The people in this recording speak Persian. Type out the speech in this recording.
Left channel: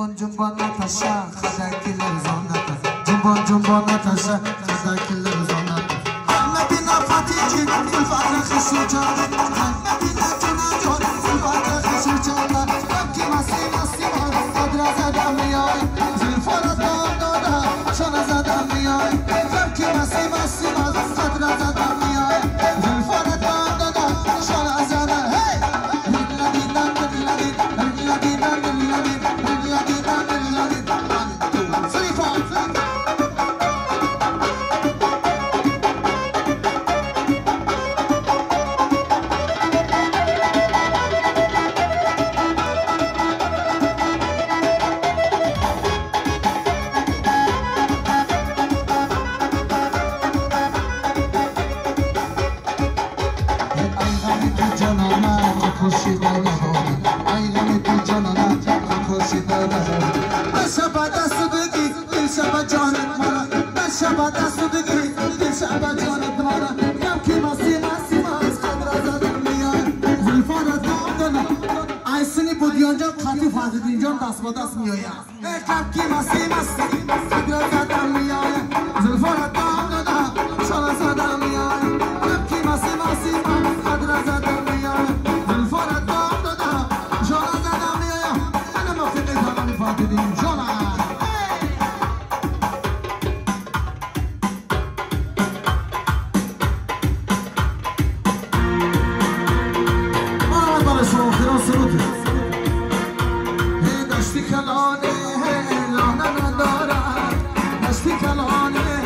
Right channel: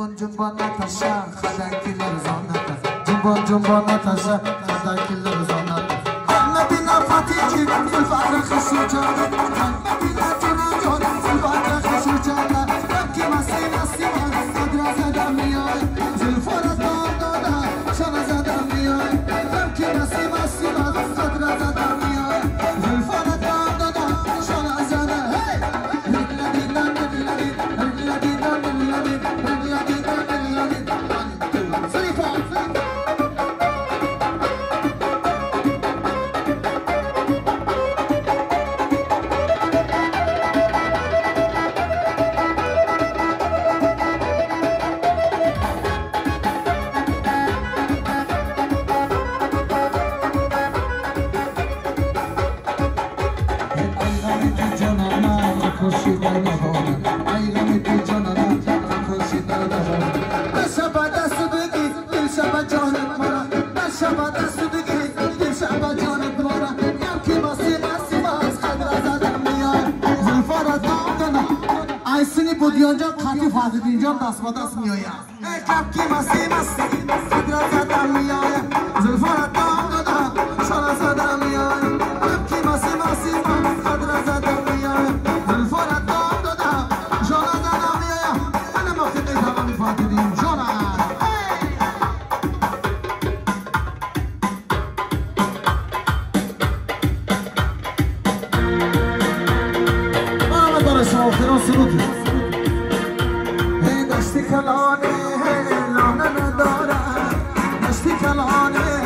جنبان جنبان نتاشا خدکی لرزانتا جنبان جنبان نتاشا خدکی لرزانتا مدينة فاتيجي الفاتح خسي جانا مدينة جنان الفاتح خسي جانا يبكي مسي مسي قدر زدم مياي زلفانة دادا شان زدم مياي يبكي مسي مسي قدر زدم مياي زلفانة دادا شان زدم هاي رجلا دينا رجلا دينا رجلا دينا رجلا دينا رجلا دينا رجلا دينا زلفان Budionca kati fazla diyeceğim dasmadas miyoya. Kapki masi masi, biraz adam miyoya. Zülfara dağda şana sadam miyoya. Kapki masi masi, biraz adam miyoya. Zülfara dağda şana sadam miyoya. Ana mafide zaman ifade edeyim şana. Bana göre şoförün sürücü. دشتی کلانه لانه ندارد دشتی کلانه